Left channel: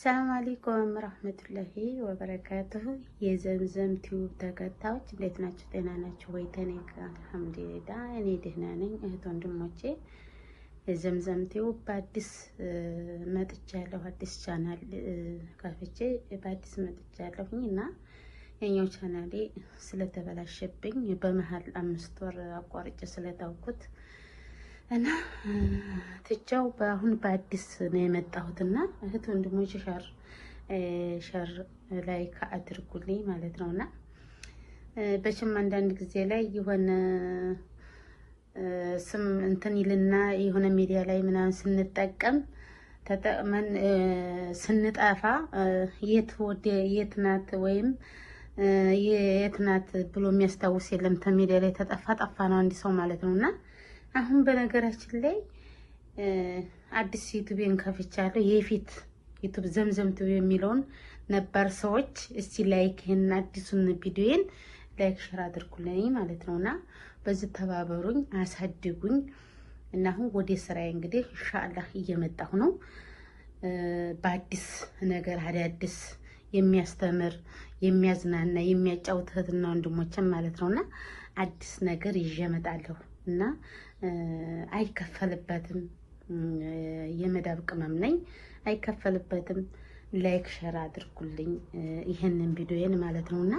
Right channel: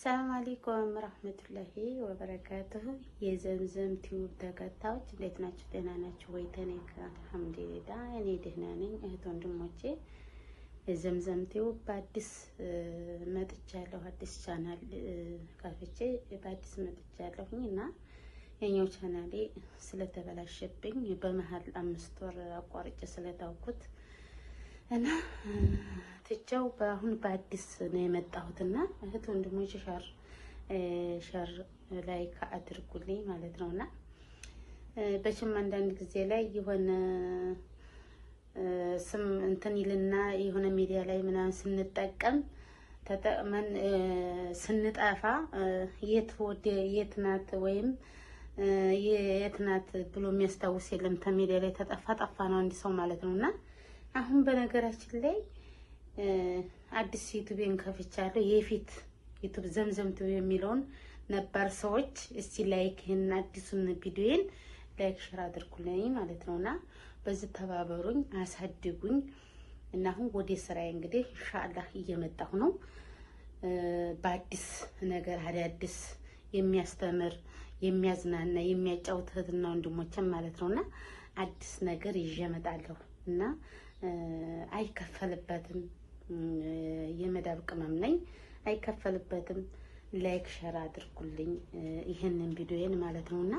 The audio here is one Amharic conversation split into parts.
ሰላም አለይኩም ረህመቱላሂ ወበረካቱሁ። የዘምዘም ቲዩብ ተከታዮች እንዴት ናችሁ? ጤና ናችሁ ወይ? ተኔ አልሐምዱሊላህ እኔ ደህና ነኝ። እህት ወንድሞቼ የዘምዘም ቲዩብ በአዲስ መጥቻለሁ። አዲስ ቻናል ከፍቼ በአዲስ መጥቻለሁኝ እና የኛው ቻናሌ ስለተበላሸብኝ በመሀል 5 ወር አቋርጬ ስለታውኩት እና ትቻው በአሁን በአዲስ ነው የመጣሁትና እህት ወንድሞች ሸር ላይክ አድርጉልኝ ማለት ነውና በችም አንዳንድ ጊዜ ላይ የሆነ ስም እንትን ይልና የሆነ ሚዲያ ላይ ምናምን ስንጠቀም ተጠቅመን ስንጠፋ የት ናት ወይም የት ናት ብሎ የሚያስታውስ የለም። ተሚዲያ ላይ ጠፋ ነው አንድ ሰው ማለት ነውና አሁን በነገራችን ላይ አዲስ ዩቲዩብን ከፍቻለሁ። የፊት ዩቲዩብ ዘምዘም ቲዩብ የሚለውን ነበር ሰዎች እስቲ ላይክ ይሄን አዲሱን ቪዲዮን ላይክ ሼር አድርጉልኝ ማለት ነውና በዚህ ተባበሩኝ፣ አሳድጉኝ እና አሁን ወደ ስራዬ እንግዲህ ኢንሻአላህ እየመጣሁ ነው። በአዲስ ነገር አዳዲስ የሚያስተምር የሚያዝናና የሚያጫውት እህትና ወንድሞችን ማለት ነውና አዲስ ነገር ይዤ እመጣለሁ እና አይከፈልበትም። የመዳብ ቅመም ነኝ፣ አይከፈልበትም። ላይክ ሼር አድርጉልኝ ይሄንን ቪዲዮዬን ማለት ነውና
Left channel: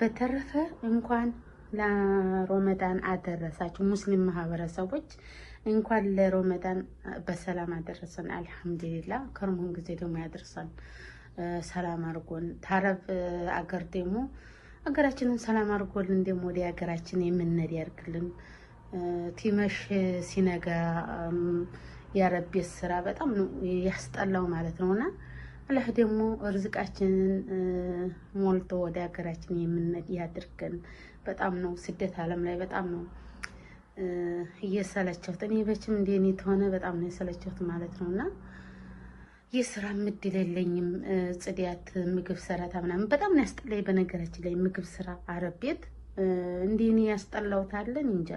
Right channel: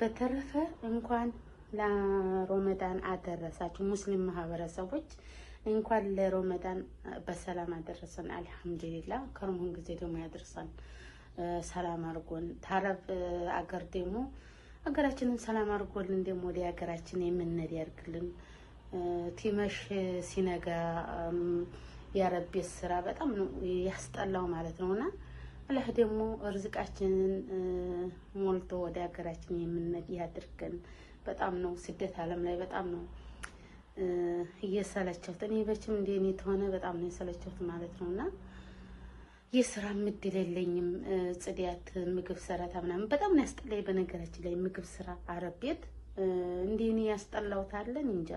በተረፈ እንኳን ለሮመዳን አደረሳችሁ ሙስሊም ማህበረሰቦች፣ እንኳን ለሮመዳን በሰላም አደረሰን። አልሐምዱሊላህ ከርሞን ጊዜ ደግሞ ያደርሰን ሰላም አድርጎን ታረብ አገር ደግሞ አገራችንን ሰላም አድርጎልን ደግሞ ወደ አገራችን የምንሄድ ያርግልን። ቲመሽ ሲነጋ ያረብ ስራ በጣም ነው ያስጠላው ማለት ነውና አላህ ደግሞ ርዝቃችንን ሞልቶ ወደ ሀገራችን የምንሄድ ያድርገን። በጣም ነው ስደት ዓለም ላይ በጣም ነው እየሰለቸሁት። እኔ በችም እንደኔ ተሆነ በጣም ነው የሰለቸሁት ማለት ነውና የስራ ምድል የለኝም። ጽዳት፣ ምግብ ሰራታ ምናምን በጣም ነው ያስጠላኝ። በነገራችን ላይ ምግብ ስራ አረብ ቤት እንደኔ ያስጠላውታለን እንጃ።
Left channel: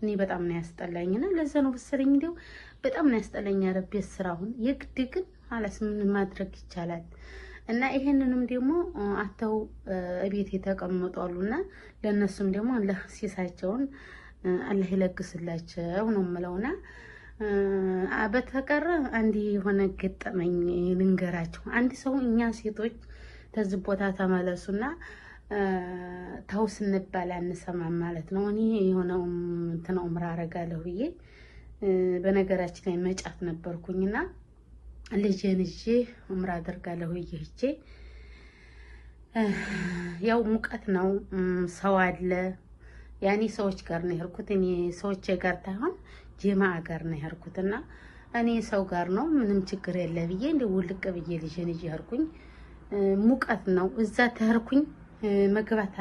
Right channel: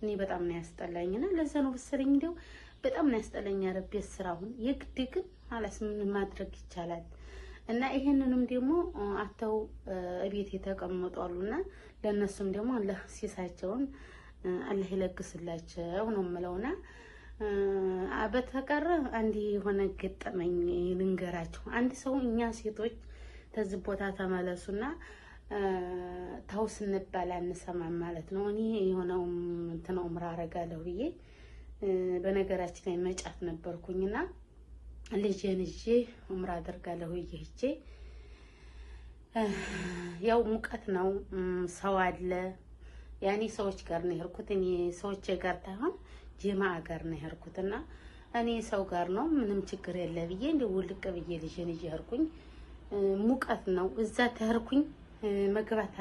እኔ በጣም ነው ያስጠላኝና ለዛ ነው በሰለኝ እንደው በጣም ነው ያስጠላኝ አረብ ቤት ስራውን። የግድ ግን አላስ ምን ማድረግ ይቻላል? እና ይሄንንም ደግሞ አተው እቤት የተቀመጡ አሉና ለነሱም ደግሞ አላህ ሲሳቸውን አላህ ይለግስላቸው ነው የምለውና በተቀረ አንድ የሆነ ገጠመኝ ልንገራችሁ። አንድ ሰው እኛ ሴቶች ተዚህ ቦታ ተመለሱና ተው ስንባል አንሰማም ማለት ነው። እኔ የሆነው እንትን ዑምራ አረጋለሁ ብዬ በነገራችን ላይ መጫት ነበርኩኝና ልጄን ይዤ ዑምራ አደርጋለሁ ብዬ ሄጄ ያው ሙቀት ነው፣ ሰው አለ። ያኔ ሰዎች ጋር ነው የሄድኩት። እኔ ሰዎች ጋር ታይሆን ጀማዓ ጋር ነው የሄድኩትና እኔ ሰው ጋር ነው ምንም ችግር የለ ብዬ እንደው ውልቅ ብዬ ልጄን ይዤ ሄድኩኝ። ሙቀት ነው እዛ ተሄድኩኝ። መግባት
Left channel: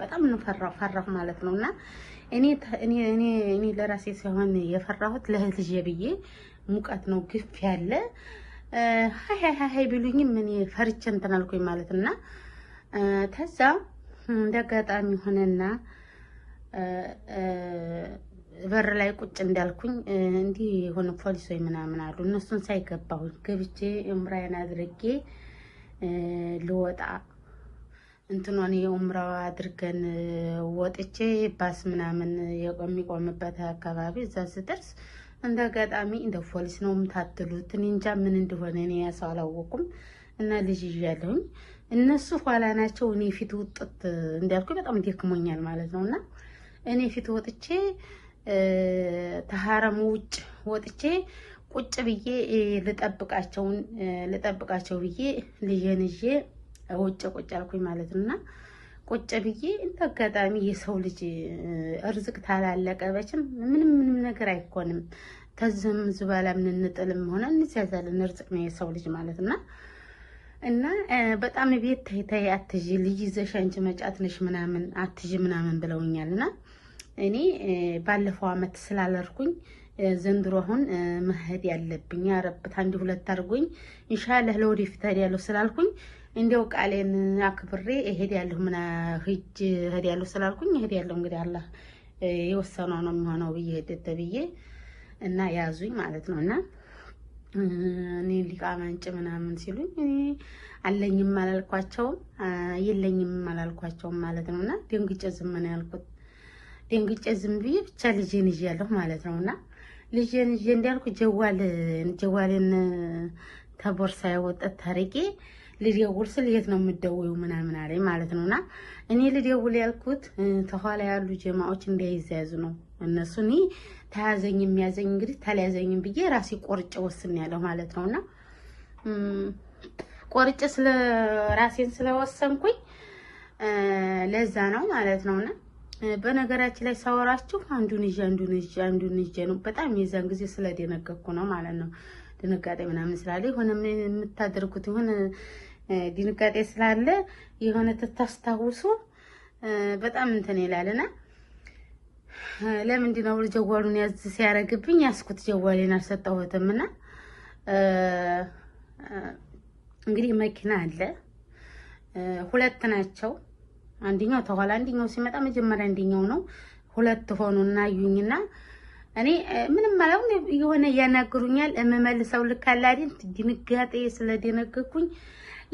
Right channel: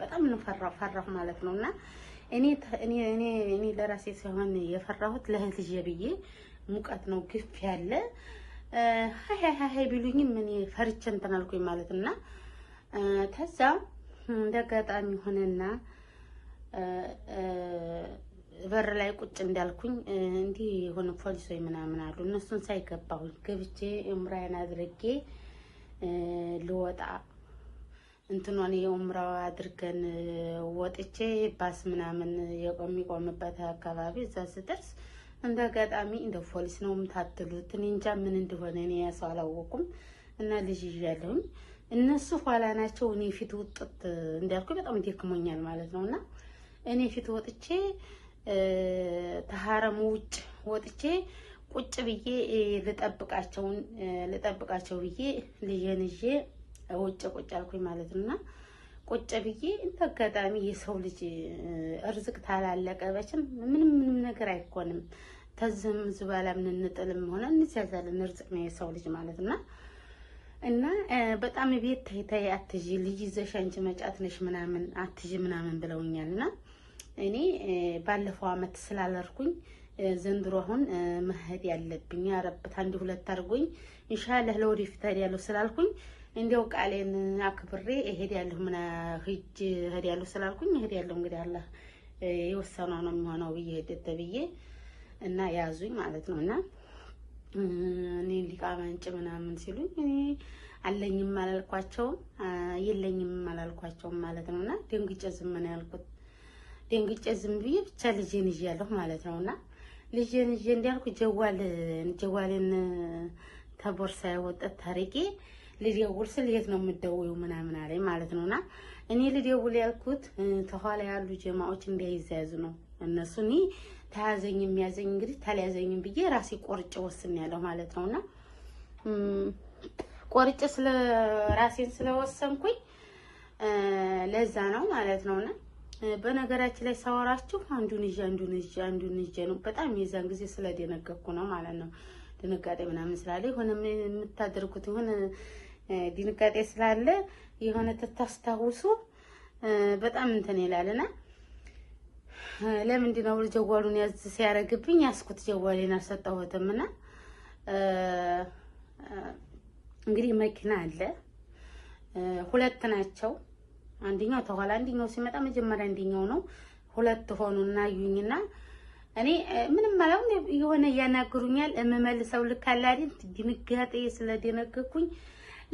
በጣም ነው ፈራሁ ማለት ነውና እኔ ለራሴ ሳይሆን የፈራሁት ለልጄ ብዬ ሙቀት ነው ግፍ ያለ ሃይ ቢሉኝም እኔ ፈርቼ እንትን አልኩኝ ማለትና ተዛ እንደጋጣሚ ሆነና በር ላይ ቁጭ እንዳልኩኝ እንዲህ የሆነ ፖሊሶች ምናምን አሉ። እነሱን ሳይገባሁ ገብቼ ዑምራዬን አድርጌ ልወጣ እንትኗን የዑምራ አድርገን ወጥቼ ባስ ምናምን የሚቆምበት አካባቢ እዛ ስደርስ እንደጋጣሚ እንደ ፖሊስ ነው የምታትሉት። እኔ እንጃ ምን እንደሆነ እኔ ያሰው አላወኩም። እና ልጅ ይያለሁኝ እነሱ ኋላ ናቸው። እኔ ፊት ውጥት እንዳልኩ በጣም ደክሞኛል ማለት ነውና እኔ ፊት ወጥቼ ተሐረሙ ውጭ ወጥቼ ቁጭ ብዬ ልጠብቃቸው ብዬ ልጄን ይዤ ውጭ ቁጭ አልኩኝ ማለት ነውና ቁጭ ብዬ እንደ አጋጣሚ የሰው ልጅ እርዝቅ ታላለቀ በችም ምንም ነገር አይኮንም። ተዝም ዝባላ ምን እንጥልም ሆነ እንዚያዛለን እርዝቅ ነው የሰው ልጅ ማለትና እና በጣም ቤት ተይ አትጂ ልጅ ይዘሽ አንቺ መጫት ነሽ ምናምን አትጂ ምናምን ብለውኛልና እኔ ባለፈው አመት ስላልርኩኝ ዘንድሮ አሁን መሄድ ያለብኝ ያረብት አንድ ሁለት አድርጎኝ ኢንሻአላህ ለወደፊት ሄዳለሁ ስላልኩኝ እንደው ቃሌን አክብሬ እሄዳለሁ እሄዳለሁ ስላልኩኝ እሄዳለሁ። እንግዲህ አላህ የወሰነው ነው የሚሆነው ብዬ ሄደተ ብዬ እና ያዙኝ ማለት ነውና እኔ ሊቃማ አንጭ ምናምን ሲሉኝ እኔ አለኝም አላልኳቸውም የለኝም አላልኳቸውም ማለት ነውና ደንግጬ ዝም ነው ያልኩት። ደንግጬ ዝም ብዬ ብቻ ልጄን ይዣለሁ ማለት ነውና ልጄን ይዤ እንዳልኩ ጀዋልን ተቦርሳ ያወጣት ታሪኬ ልደውል ስል የት ነው የምትደውይው ምናምን አለኝ ማለት ነውና እኔ ልደውል ያልኩት ተኋላ ያሉ ጀማዎች እንዳይያዙ ነው። እነሱ እኔ ተያዘኝ የሚያዘኝ እንግዲህ ተለያዘኝም ብዬ ራሴ ቆርጬ ወስኛለሁ ማለት ነውና ቆርጬ ስለ ራሴን ስለወሰንኩኝ ለዛ ነው ማለት ነውና በነገራችን ላይ ሳወራችሁ አንዱን ይዤ ነው በጣም የዛን ጊዜ ስለደነገኩ ነው ማለት ነው። ድንጋጤ ምናምን ስላለ የሆነ የምታደርጉት የሆነ ድንጋጤ ስላለ የሆነ ተታስታውሱ በጣም እንትን ይላልና ለምንድን ነው ጀዋሉን ያዝ ሲያረግብኝ ያስኩት ጀዋሌን አልሰጠሁትምና እንግዲህ መኪና አለ ሁለት ናቸው። አንደኛው ተኋላ አንደኛው ሲመጣ መጀመሪያ አንደኛው ነው። ሁለት ሆኑና አዩኝና እኔ ምንም ማለት የሆነ ያናግሩኛል እመመልሰው ልክ አለ አይደል ድንጋጤ ስለደነገኩኝ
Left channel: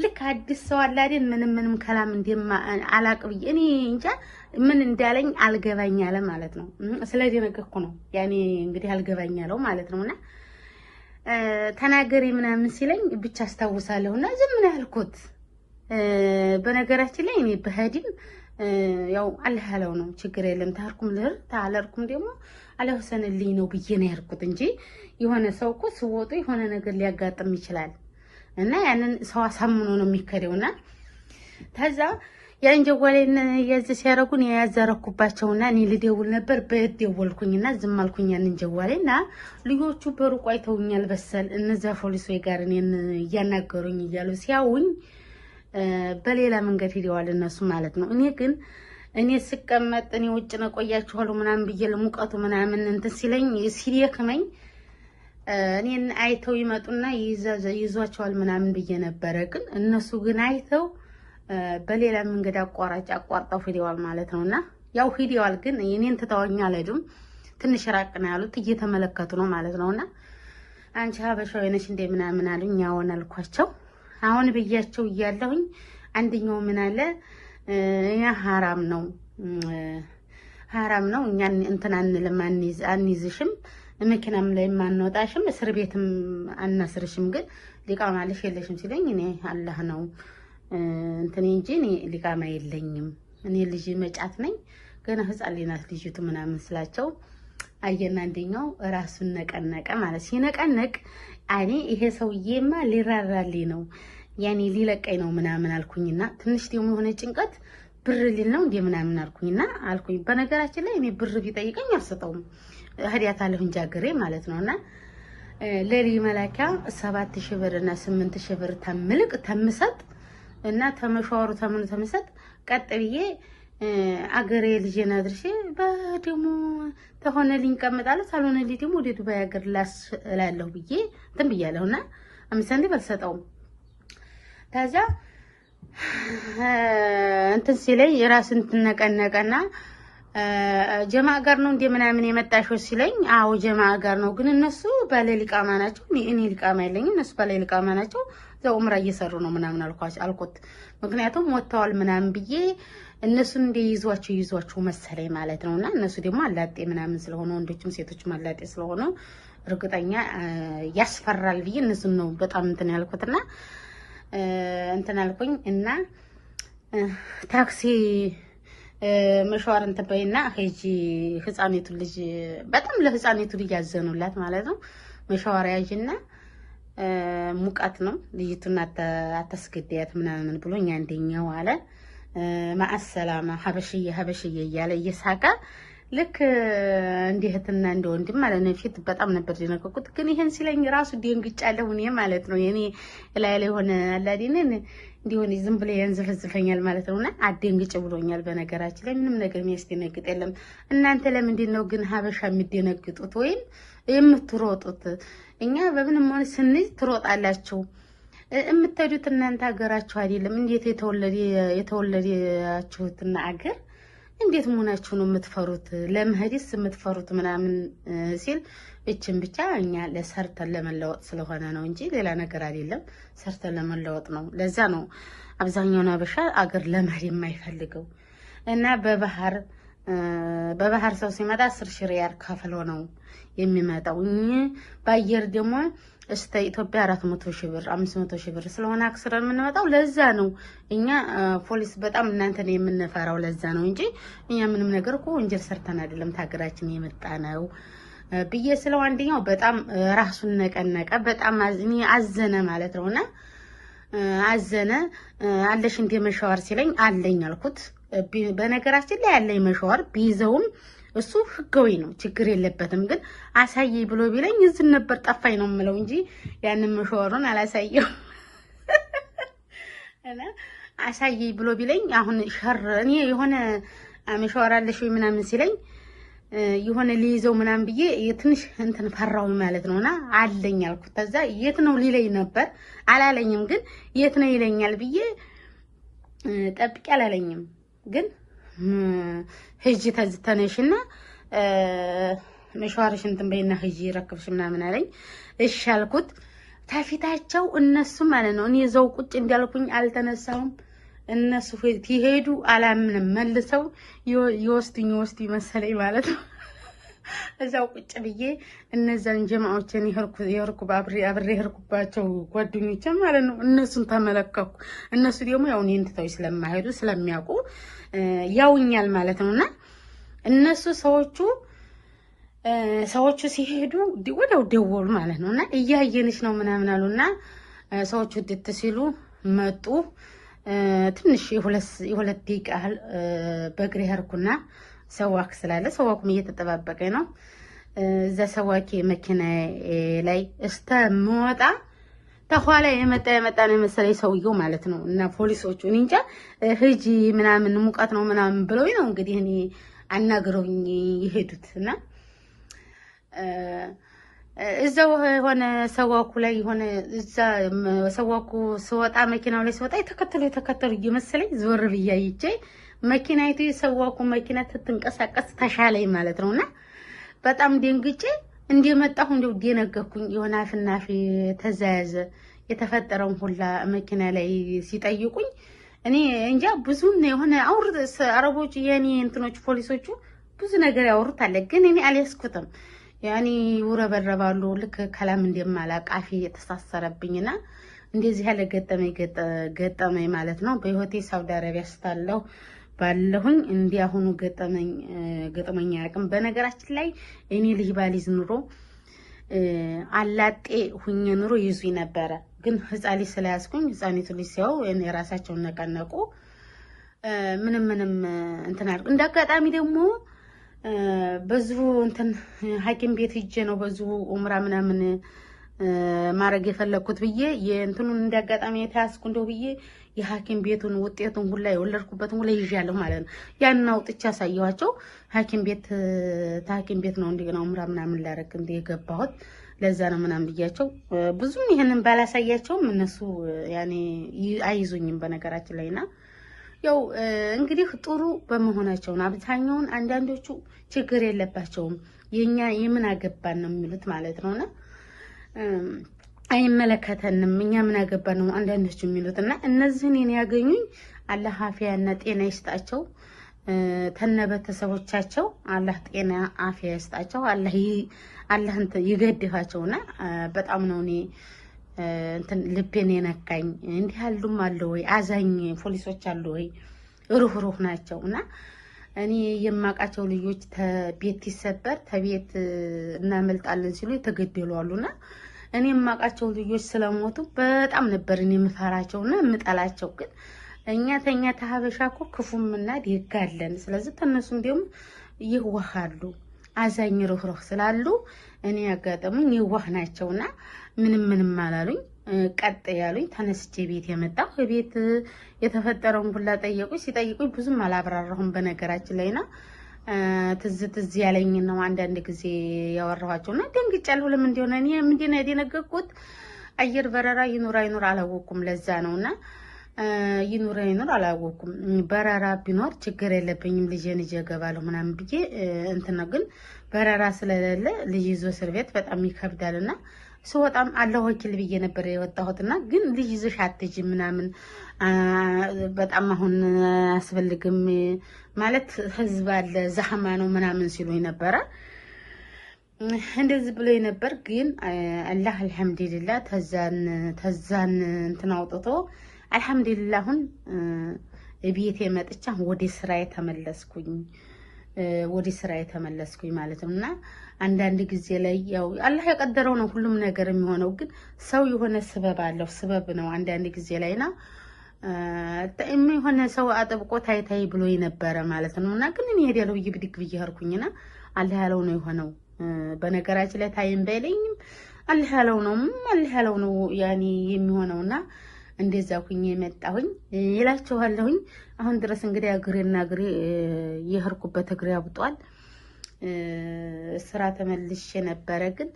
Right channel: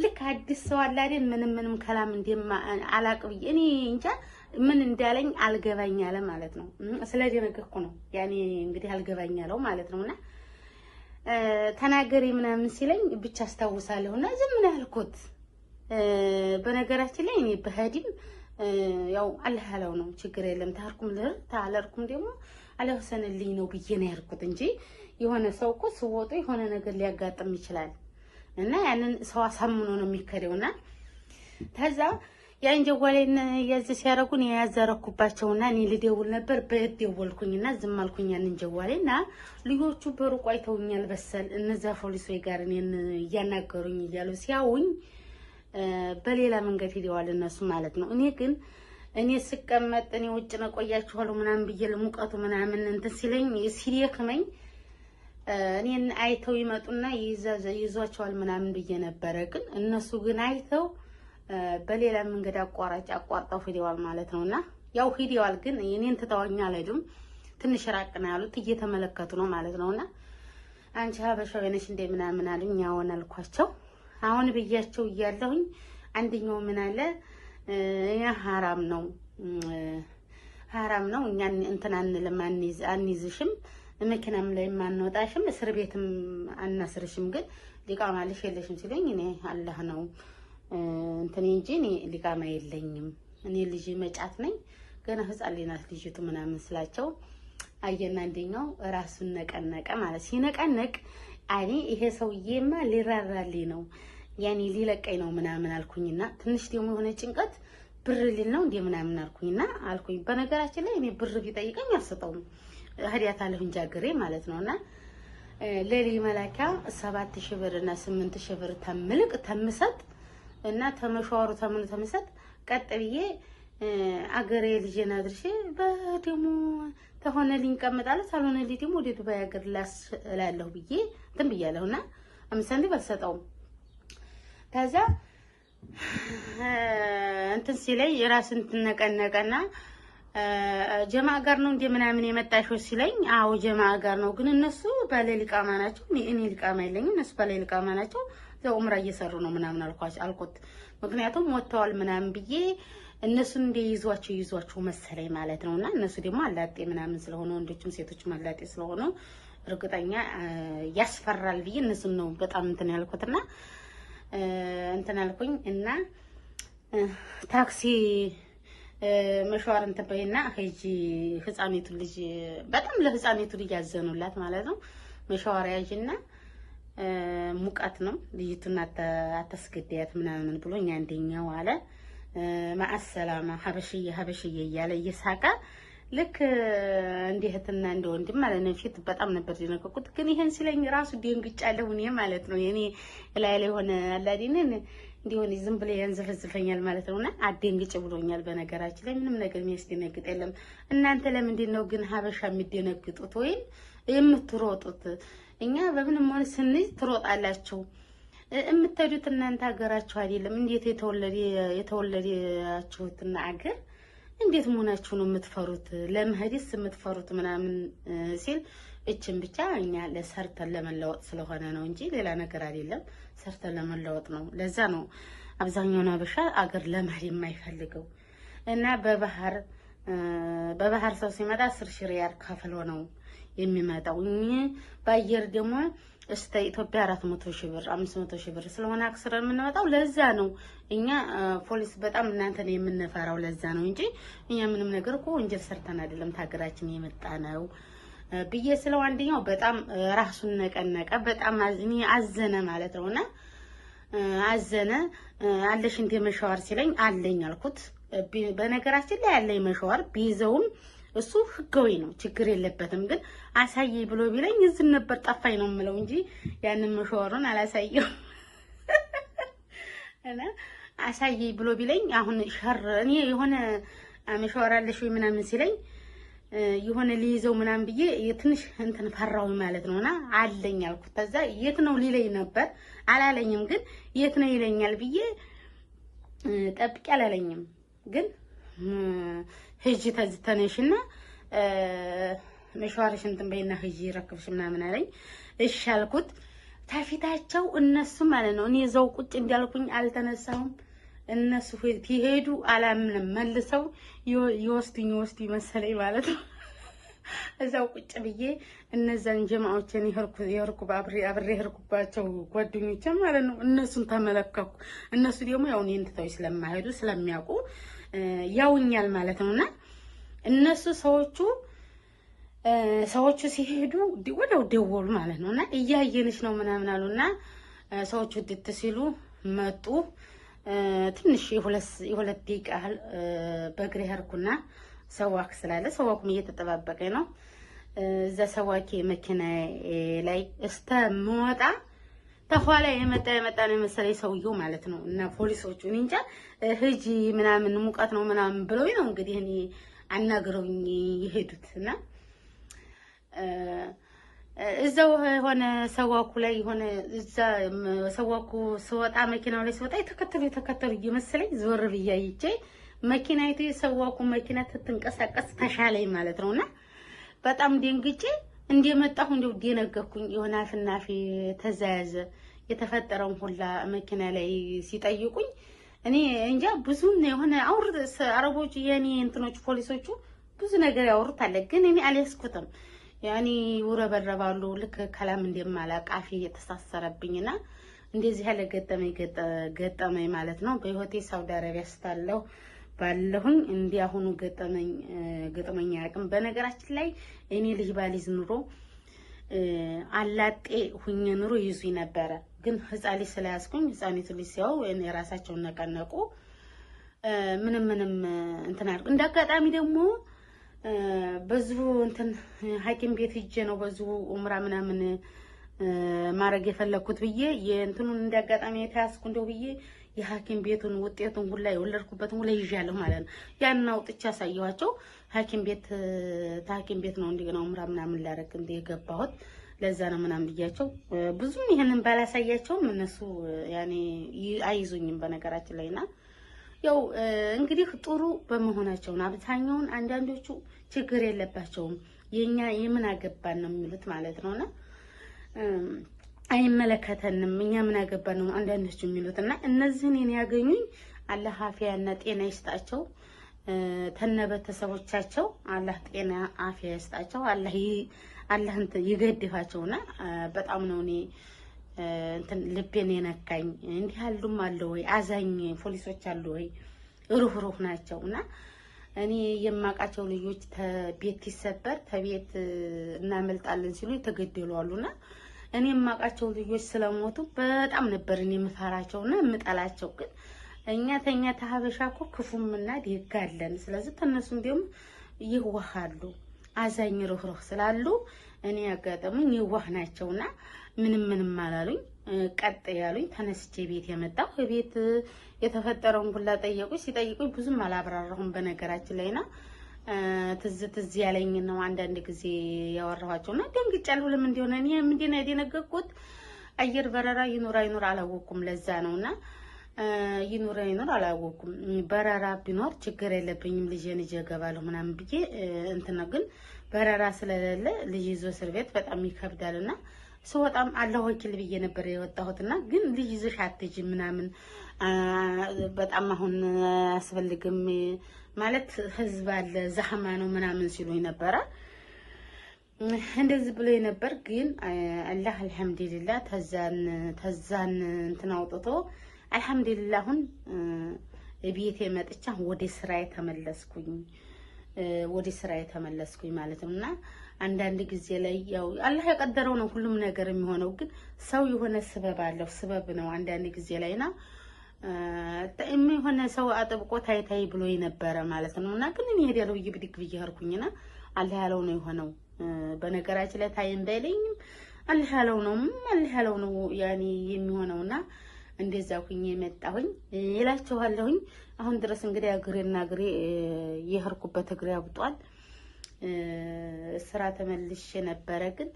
ልክ አዲስ ሰው አለ አይደል ምንም ከላም እንደማ አላቅ ብዬ እኔ እንጃ ምን እንዳለኝ አልገባኝ አለ ማለት ነው። ስለደነገኩ ነው ያኔ እንግዲህ አልገባኝ አለው ማለት ነውና ተናገሪ ምናምን ሲለኝ ብቻ አስታውሳለሁና ዝም ነው ያልኩት። በነገራችን ላይ እኔ በህዲም ያው አላህ ያለው ነው ችግር የለም ታርኩም ልር ታለርኩም ደግሞ አላህ ወሰነልኝ ነው ብዬ ነው ያልኩት እንጂ የሆነ ሰው እኮ ሲወጡ የሆነ ነገር ሊያጋጥም ይችላል እና ያንን ሰው አሳምኖ ነው የሚከደውና ታዛ ያን ጀዋሌን ያዝ ሲያረጉን ያያዘረኩባቸውና እኔ ልደውል ነበር በደወልኩኝና ዝም አልኩኝ ያንን ጀዋሌና ልጆቹ በሩቅ አይተውኛል በሰል እነዛ ፖሊሶች ጋር እኔን እያናገሩኝ እያሉ ሲያውኝ በሌላ መንገድ ሄደዋል እነሱ ማለት ነው። እኔ ስቀመጥ እኔ ውጭ ነው ቆያችኋለሁ ምናምን ብዬ ለሙቀቱ ምናምን እንትን ሲለኝ ሲደክመኝ እኔን አይተው ይመጡና ይዟቸዋል ምናምን ብዬ ነበረ። ግን እነሱ ግን አይተው በሌላ መንገድ አቋርጠው ሄደዋል ማለት ነውና ያው ሄደዋል ግን እኔን ትተውኛ አልሄዱም። ትንሽ ራቅ ነው ያሉት እየተመለከቱ ነው ማለት ነውና አንቺ ሀበሻዊ ነሽ እንደ ምናምን አሉኝ። ያውን አልኳቸው አሁን ብያቸው እያለሁኝ አንደኛው ምን አለ ያ ሐራም ነው እኛ እንትን አንልም አንይዝሽም መኪናም ላይ ማንወጣሽም እስር ቤትም አናስርሽም ግን ሊቃማ አለሽ የለሽም ሲለኝ እኔ አላህ ነው እንትን እንጂ እኔ ሊቃማ የለኝም እኔ ልጅ መጫት ነኝ ገና ህፃን ልጅ ናት ልጅቱ ምናምን ስላቸው አየና አንደኛው ራሱን ነቀነቀ ማለት ሲነቀነቅ እኔ ይሄ ሰውዬማ ሊራራልኝ ነው ያኔ ሊለቀኝ ነው ምናምን አልኩኝና ትንሽ ደግሞ የሆነ ጭንቀት ብር ሊል ነው እንደ ምናምን አልኩኝ። በነገራችን ላይ እኔ ብር ቢጠይቀኝ አልሰጠውም ህዲያታለሁ እንጂ አገሬ ማለት ነውና ለሊ መላኪያ 7000 ብር እና 8000 ብር ተምሰጥ እና ተመሻወሩ ተምሰጥ ቀጥ ብዬ አገሬ ልጄን አድርሼ በደሞ ተሆነልኝ ቀመጣለሁ ሳልሆነልኝ ደግሞ ወደ ዱባይ አገር ላስላለሁ ብዬ እንትን ብያለሁና 5 ሳንቲም አልሰጠውም። ታዛ እንትን ሲለኝ የራስን ትነቀነቀና ጀማዓ ጋር ነው እንደ ምናምን የመጣሽው ሲለኝ አዎ ጀማዓ ጋር ነው ግን እነሱ ባለሊቃማ ናቸው እኔ ሊቃማ የለኝም እነሱ ባለሊቃማ ናቸው ዘው ዑምራ እየሰሩ ነው ምናምን አልኩት። ምክንያቱም ወጥተዋል ምናምን ብዬ እነሱን ይዟቸው መሰለኝ ማለት ነውና እነሱ ደግሞ አላጤ ምናምን ስለሆነ ወንዶችም ሴቶችም አላጤ ስለሆነ እርግጠኛ ያስፈራል ብዬ እነሱን ነው በጣም እንትን ያልኩትና እንትን አልኩኝ እና ታክሲ መሻወር እንትን በይና ሂጂ ህፃኔቱ ልጅ በጣም ለህፃኔቱ ልጅ ያዘኑላት ማለት ነው። መሻወር ያዥና ሙቀት ነው ልጅቱን አታስገድያት ምናምን ብሎኝ አንደኛው አለ ማአሰላማ ሀበሽዬ እያለ እየሳቀ ልክ እንዲህትና እንደ ወንድም ማለት ነው። ፊት በጣም ነበር ደነገኩት ግን ይሄን ሲለኝ ራሱ ደንግጫለሁ እኔ ማለት ነው። የኔ ላይ ሆነ አላዲነ እንዲሆን ዝም ብለ ያንዘፈዝፈኛል ማለት ነውና አደንግጭ ብሎኛል። በነገራችን ላይ ምንም ነገር የሚያስደነግጥ የለም። እናንተ ለምንድን ነው ግን ሀበሻ የሚደነግጡት ወይም የምትሮጡት? እኛ በምንም ሆነ ስንይ ትሮጣላችሁ። የምትሄዱት እናንተ ሀገራችሁ አይደለም። እንዴት የተወለዳችሁትና አገር እንዴት መሆናችሁ ነው የምትፈሩት? ለመሄድስ የምትፈሩት ምናምን ሲል እችን ብቻ እኛ ለሰርተን ለመለወጥ ስለሆነ ነው እንጂ ሌላ ነገር አይደለም። ሰርተን ለመለወጥ ነው። ለዛ ነው አብዛኛው አበሻ አገር ለመሄድ የማይፈልገው እና በባህር ሰው ሲመጣ 10 ሺህ ሪያል ከፍሎ ነው የሚመጣው። በአየር ደግሞ እስከ ኢትዮጵያ 400 ሺህ ብር 500 ሺህ ብር ስለሆነ አክስረን የምንመጣው ለዛ ነው። እኛ ፖሊስ በጣም እናንተን የምንፈራው ለዛ ነው እንጂ እኛ ምንም ነገር እኮ ወንጀል ሰርተን አይደለም ታገራችን የመጣ ነው ብዬ ስለው አንደኛው በጣም ራሱን ነቀነቀ። በጣም አዘነ ማለት ነውና አዘነ። አለሽ እንደ መሻወር ሲለኝ አለኝ አልኩት። በነገራችን ላይ ያለኝ መሻወር ቢይዘውም እሱ ህጋዊ ነው፣ ችግር የለበትም። ግን አሳየኝ ብሎ ቢለኝ እዚህ ነበር ጠፋኝ ነው የምለው እንጂ ያንን መሻወሩን አላሳየው እና አሳየኝ ብሎ ቢለኝ አሁን ሸር እኔ የሆነ መሻወር አለሽ ወይ ምናምን ሲለኝ የሆነ ሊይዘው ምናምን ብዬ ትንሽ እንትን ፈራው ማለት ነውና አለኝ አልኩት። ከዛ የት ነው ሊለኝ ነበር አላለኝም። ግን የት ነው ይለኛል ብዬ ጠብቄ አላለኝም። ግን ሂጂ ተነሽና መሻወርሽ እንትን በይና ሂጂ ረክብሽ ምናምን አለኝ። እሺ አልኩት። ታፊታቸው እነሱ ማለት ነው እኔ እዛው ቁጭ እንዳልኩኝ አልተነሳሁም። እነሱ ይሄዱ አላምንም መልሰው ይወስዱኝ መሰለኝ ማለት ነው። እዛው ቁጭ ብዬ እነዛን ጀማዎችን አብሬ የሄድኩባቸው ጓደኞቼ ማለት ነው እነሱን ተመለከኩ። እነሱ ደግሞ ያው እኔን ትተው ስለማይሄዱ ስለሚያውቁ ያውኛል ማለት ነውና እነሱ ሰዎቹ ሲሄዱ ወዲያው ደወሉ ማለት ነውና እያየንሽ ነው ምናምን አሉና ሰዎቹ ድት ሲሉ መጡ። ትንሽ የሁለት ደቂቃ ያህል በእግሬ ሄድኩና ሰዋክ ስላለ ሰዋኩም እየተጠባበቀኝ ነው። እዛ ሰዋኬ መኪና ላይ እስተምወጣ ተኋላ የመጣ ነው መሰለኝ ሰውየው ማለት ነው። እና ፖሊሶቹ እኔ እንጃ ሂጂ ምናምን ሙቀት ነው ምናምን ብለው ነው እንግዲህ እኔ አናግረውኝ የሄዱት እና እዛው ሆነ ሰዋኩ ላይ ሆነ እዛ ሰዋኩ ስወጣ መኪናው ላይ ስወጣ የተከተሉ እየመሰለኝ ዞር ብዬ አይቼ መኪናይቱ የሰዋኩ መኪና ትንቀሳቀስ ተሻለኝ ማለት ነውና በጣም ደንግጬ እንደመጣሁ እንደው ደነገኩኝ። የሆነ አፍናፊ ተዛያዘ የተፈጠረውን ሁላ መኪና ላይ ሲጠይቁኝ እኔ እንጃ ብዙን የሆነ አረቦች የኔ እንትኖች ፖሊሶቹ ብዙ ነገር ያወሩት አለ። ግን እኔ አልያዝኩትም። ያኔ ውረበረባሉ ልክ ከላም እንደማላቅ አፌ የተሳሰረብኝና እንደዚህ ያለ ገጠመኝ ማለት ነው። በህይወቴ ሳውዲ አረቢያ ስታለሁ ባለሁኝ እንዲያሁኑ ገጠመኝ አያውቅም። በነገራችን ላይ እኔ ልጅ ባሊዝ ኑሮ አላጤ ሁኜ ኑሮ ይዙኝ ነበረ። ግን ህፃን ልጅ ስለያዝኩኝ ህፃኒቱ ልጅ ሲያው እኔ ራሳቸውን ነቀነቁ። ምንም እንትን አድርጉ። እንዳጋጣሚ ደግሞ በዚሁ እንትን ሐኪም ቤት ሂጄ ነው በዚሁ ኡምራ ምናምን ማድረግ የፈለኩት ብዬ የእንትኑን እንዳጋጣሚ የተያዝኩ እንደው ብዬ የሐኪም ቤቱን ውጤቱን ሁላ የወለድኩበትን ሁላ ይዣለሁ ማለት ነው። ያንን አውጥቼ አሳየኋቸው። ሐኪም ቤት ነው እንደገና ኡምራ ምናምን ላደርግ የገባሁት ለዛ ነው ምናምን ብያቸው ብዙም ይሄንን ባላሳያቸውም እነሱ ያኔ አይዙኝም በነገራችን ላይና ያው እንግዲህ ጥሩ በመሆናቸው ነው። አብዛኛውን አንዳንዶቹ ችግር የለባቸውም የኛ የምን አገባን ነው የሚሉት ማለት ነውና አይመለከተንም እኛ ምን አገባን ነው አንዳንዶቹ የሚሉትና እነዚህን የኔ ያገኙኝ አላህ አፊያና ጤና ይስጣቸው። ተነበተሰቦቻቸው አላህ ጤና አፊያ ይስጣቸው። አላህ ይገድፋቸውና በጣም ነው እኔ እንትን ልቤን የነካኝ። እንዲህ ያሉም አለ ወይ አዛኝ ፖሊሶች አሉ ወይ ሩህሩህ ናቸውና እኔ የማውቃቸው ልጆች ቤት ሲሰበር ተቤት እናመልጣለን ሲሉ የተገደሉ አሉና እኔ የማውቃቸው ልጆች ስለሞቱ በጣም ነበር እኔ የምፈራቸውና የምጠላቸው። ግን እኛ ተሀበሻ እኮ ክፉምና ደጋለን። ስለዚህ ተነሱም ደግሞ ይዋሃሉ አዛኝ ሩህሩህ ስላሉ እኔ ያጋጠሙኝ ይዋህ ናቸውና ምንም አላሉኝ። ቀጥ ያሉኝ ተነስቼ ቤት የመጣሁ ቤት የተፈጠረውን ሁላ ጠየቁኝ። ሲጠይቁኝ ብዙም አላብራራሁም በነገራችን ላይና ትዝ ያለኝ ነው አንዳንድ ጊዜ ያወራኋቸውና ደንግጫለሁ። ለምን እንደሆነ እኔ ምንድነው የደነገጥኩት አየር በረራ ይኑር አይኑር አላወኩም። ለዛ ነውና ይኑር አይኑር አላወኩም። በረራ ቢኖር ችግር የለብኝም ልጄን ይዤ እገባለሁ ምናምን ብዬ እንትን ነው። ግን በረራ ስለሌለ ልጅ ይዞ እስር ቤት በጣም ይከብዳልና ስወጣም አላህ ወኪል ብዬ ነበር የወጣሁትና ግን ልጅ ይዘሽ አትሄጂም ምናምን በጣም አሁን አያስፈልግም ማለት ህዝብ አለ ዛህማ ነው ምናምን ሲሉኝ ነበረ። እንደዚህ ብሎ ነበር። ግን አላህ አልሐምዱሊላህ ተዛን እንትን አውጥቶ አልሐምዱሊላህ አሁን ቤቴ መጥቻ ወደ ስራዬ ተመለስኩኝ ማለት ነውና አንዳንድ ጊዜ ላይ ያው አላህ የቀደረው ነው ሁሉም ነገር የሚሆነው። ግን ሰው የሆነ ስበብ አለው ስበብ ነው አንዳንድ ጊዜ ላይና የሆነ ሰው አጥብቆ ታይ ብሎ የነበረ ማለት ነውና ግን እኔ ሄዳለሁ ብድግ ብዬ ሄድኩኝና አላህ ያለው ነው የሆነው። በነገራችን ላይ ታይም ባይለኝም አላህ ያለው ነው ያኒ የሚሆነውና እንደዛ ኩኝ የመጣሁኝ ይላችኋለሁኝ። አሁን ድረስ እንግዲህ እግሬ የሄድኩበት እግሬ አብጧል። ስራ ተመልሼ ነበረ ግን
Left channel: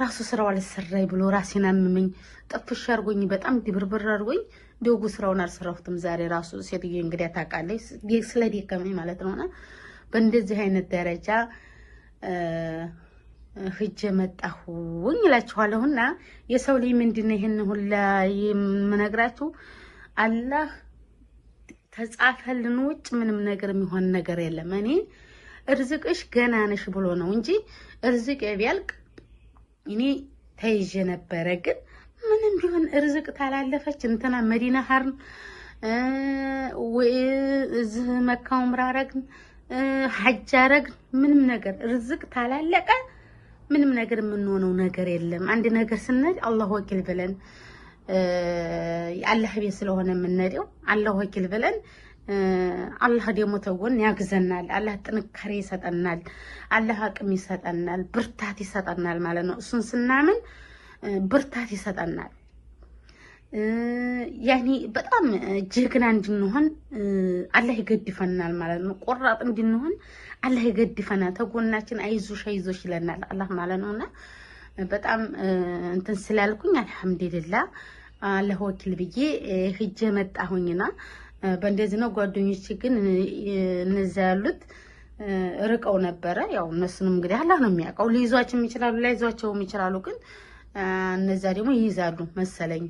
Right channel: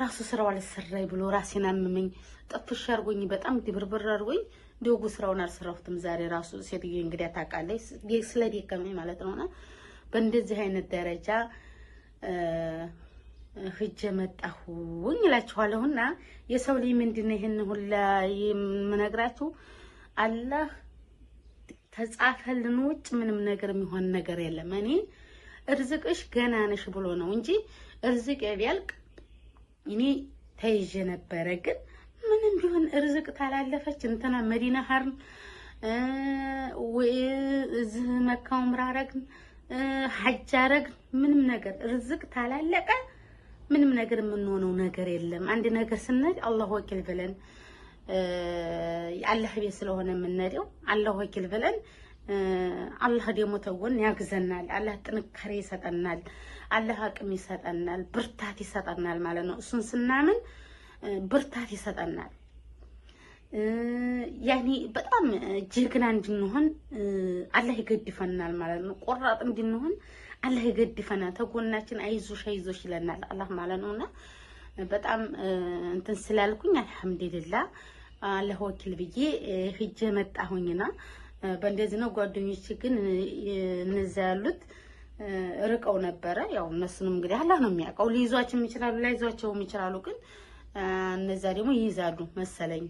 ራሱ ስራው አልሰራይ ብሎ ራሴን አመመኝ። ጥፍሽ አርጎኝ በጣም ድብርብር አርጎኝ ደጉ ስራውን አልሰራሁትም ዛሬ ራሱ ሴትዬ እንግዲህ ታውቃለች ስለደከመኝ ማለት ነውና በእንደዚህ አይነት ደረጃ ሂጅ መጣሁኝ እላችኋለሁና የሰው ልጅ ምንድነው ይሄን ሁላ የምነግራችሁ አላህ ተጻፈልን ውጭ ምንም ነገር የሚሆን ነገር የለም። እኔ እርዝቅሽ ገና ነሽ ብሎ ነው እንጂ እርዝቅ ቢያልቅ እኔ ተይዤ ነበረ። ግን ምንም ቢሆን እርዝቅ ታላለፈች እንትና መዲና ሀርን ወይ እዚህ መካው ምራረግን ሐጅ አረግን ምንም ነገር እርዝቅ ታላለቀ ምንም ነገር የምንሆነው ነገር የለም። አንድ ነገር ስንሄድ አላህ ወኪል ብለን አላህ ቤት ስለሆነ የምንሄደው አላህ ወኪል ብለን አላህ ደግሞ ተወን ያግዘናል። አላህ ጥንካሬ ይሰጠናል። አላህ አቅም ይሰጠናል፣ ብርታት ይሰጠናል ማለት ነው። እሱን ስናምን ብርታት ይሰጠናል። ያኒ በጣም ጀግና እንድንሆን አላህ ይገድፈናል ማለት ነው። ቆራጥ እንድንሆን አላህ ይገድፈናል። ተጎናችን አይዞሽ ይለናል አላህ ማለት ነውና በጣም እንትን ስላልኩኝ አልሐምዱሊላህ አላህ ወኪል ብዬ ሂጄ መጣሁኝና በእንደዚህ ነው። ጓደኞቼ ግን እነዛ ያሉት ርቀው ነበረ። ያው እነሱንም እንግዲህ አላህ ነው የሚያውቀው። ሊይዟቸውም ይችላሉ ላይዟቸውም ይችላሉ። ግን እነዛ ደግሞ ይይዛሉ መሰለኝ።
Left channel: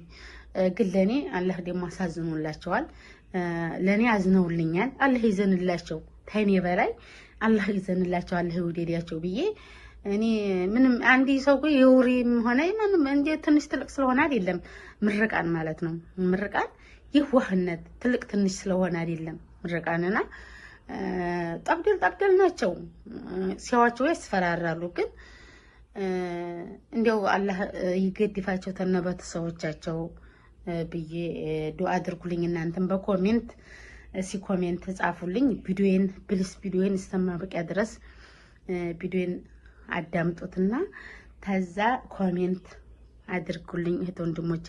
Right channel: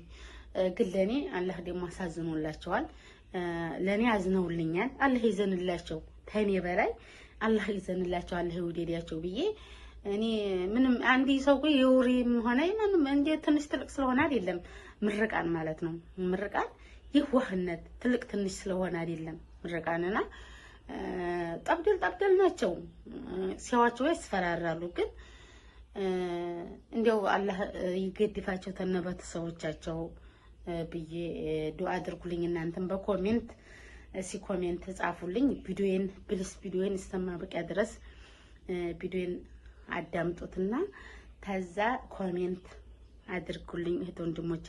ግን ለኔ አላህ ደግሞ አሳዝኖላቸዋል። ለኔ አዝነውልኛል። አላህ ይዘንላቸው ተኔ በላይ አላህ ይዘንላቸው አላህ ይወደዳቸው ብዬ እኔ ምንም አንዲ ሰው ቆይ የውሪም ሆነ ምንም እንደ ትንሽ ትልቅ ስለሆነ አይደለም ምርቃን ማለት ነው። ምርቃን ይዋህነት ትልቅ ትንሽ ስለሆነ አይደለም ምርቃንና ጠብደል ናቸው። ሲያዋቸው ያስፈራራሉ። ግን እንደው አላህ ይገድፋቸው ተነበተ ሰዎቻቸው ብዬ ዱአ አድርጉልኝ። እናንተም በኮሜንት ኮሜንት ጻፉልኝ። ቪዲዮን እስከማበቂያ ድረስ ቪዲዮን አዳምጡትና ተዛ ኮሜንት አድርጉልኝ። እህት ወንድሞቼ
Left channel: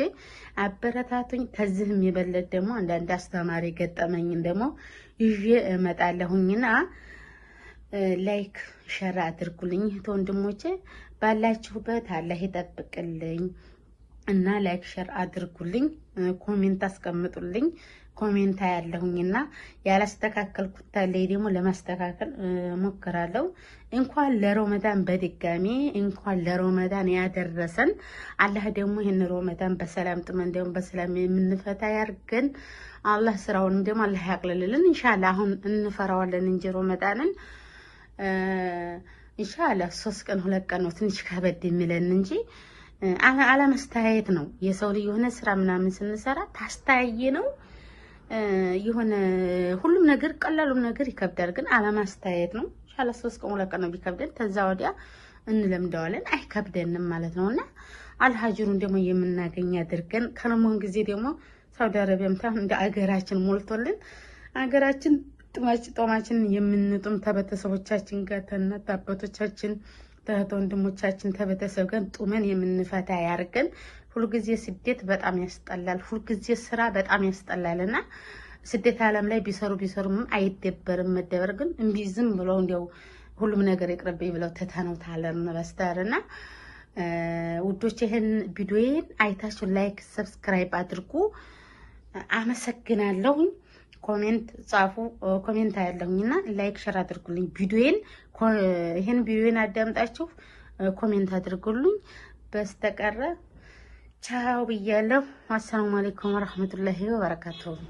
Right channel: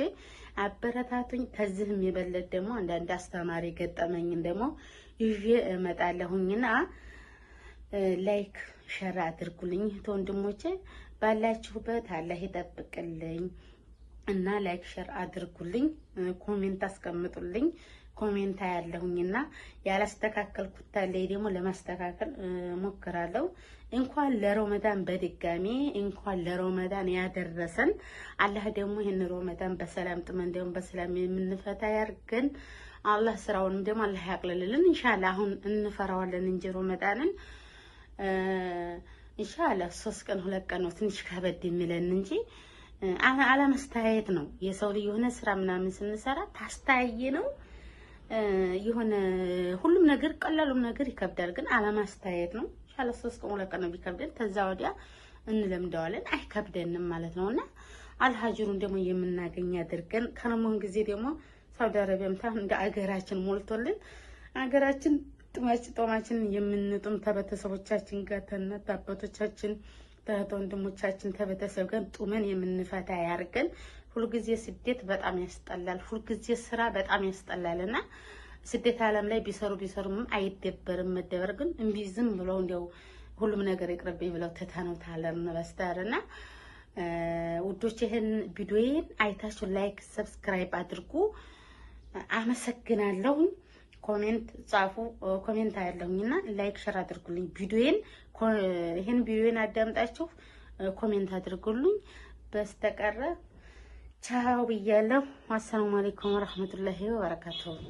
አበረታቱኝ። ተዝህም የበለጥ ደግሞ አንዳንድ አስተማሪ ገጠመኝን ደግሞ ይዤ እመጣለሁኝና ላይክ ሸር አድርጉልኝ። እህት ወንድሞቼ ባላችሁበት አላህ ይጠብቅልኝ እና ላይክ ሸር አድርጉልኝ። ኮሜንት አስቀምጡልኝ። ኮሜንት ያለሁኝና ያላስተካከልኩት ታለይ ደግሞ ለማስተካከል ሞክራለሁ። እንኳን ለረመዳን በድጋሚ እንኳን ለረመዳን ያደረሰን አላህ ደግሞ ይሄን ረመዳን በሰላም ጥመን ደግሞ በሰላም የምንፈታ ያርገን። አላህ ስራውንም ደግሞ አላህ ያቅልልልን ኢንሻአላህ። አሁን እንፈራዋለን እንጂ ረመዳንን ኢንሻአላህ 3 ቀን 2 ቀን ነው ትንሽ ከበድ የሚለን እንጂ አለማስተያየት ነው። የሰው ልጅ የሆነ ስራ ምናምን ስንሰራ ታስተያየ ነው የሆነ ሁሉም ነገር ቀላሉም ነገር ይከብዳል። ግን አለማስተያየት ነው። ኢንሻአላህ 3 ቀን 2 ቀን ነው ቢከብደን ተዛ ወዲያ እንለምደዋለን አይከብደንም ማለት ነውና አልሀጅሩን ደግሞ የምናገኝ አድርገን ከነሞን ጊዜ ደግሞ ሳውዲ አረቢያም እንደ አገራችን ሞልቶልን አገራችን ጦማችን የምንጡም ተበተሰቦቻችን ጋር ተነት አባቶቻችን ወንድሞቻችን ተበተሰብ ጋር ጡመን የምንፈታ ያርገን። ሁሉ ጊዜ ስደት በጣም ያስጠላል። ሁሉ ጊዜ ስራ በጣም ያስጠላልና ስደት ዓለም ላይ ቢሰሩም አይደበርም። መደበር ግን እምቢ ዝም ብለው እንደው ሁሉም ነገር ይቅርብኝ ብለው ተታነው ታለን በስተርና ውዶች ይሄን ቪዲዮዬን አይታችሁ ላይክ ሰብስክራይብ አድርጉ። አመሰግናለሁ። ኮሜንት ጻፉ። ኮሜንት አያለሁኝና ላይክ ሸር አድርጉልኝ። ይሄን ቪዲዮን አዳምጣችሁ ኮሜንት አድርጉልኝ። በስተቀረ ቻው ብያለሁ። አሰላሙ አለይኩም ወራህመቱላሂ ወበረካቱሁ።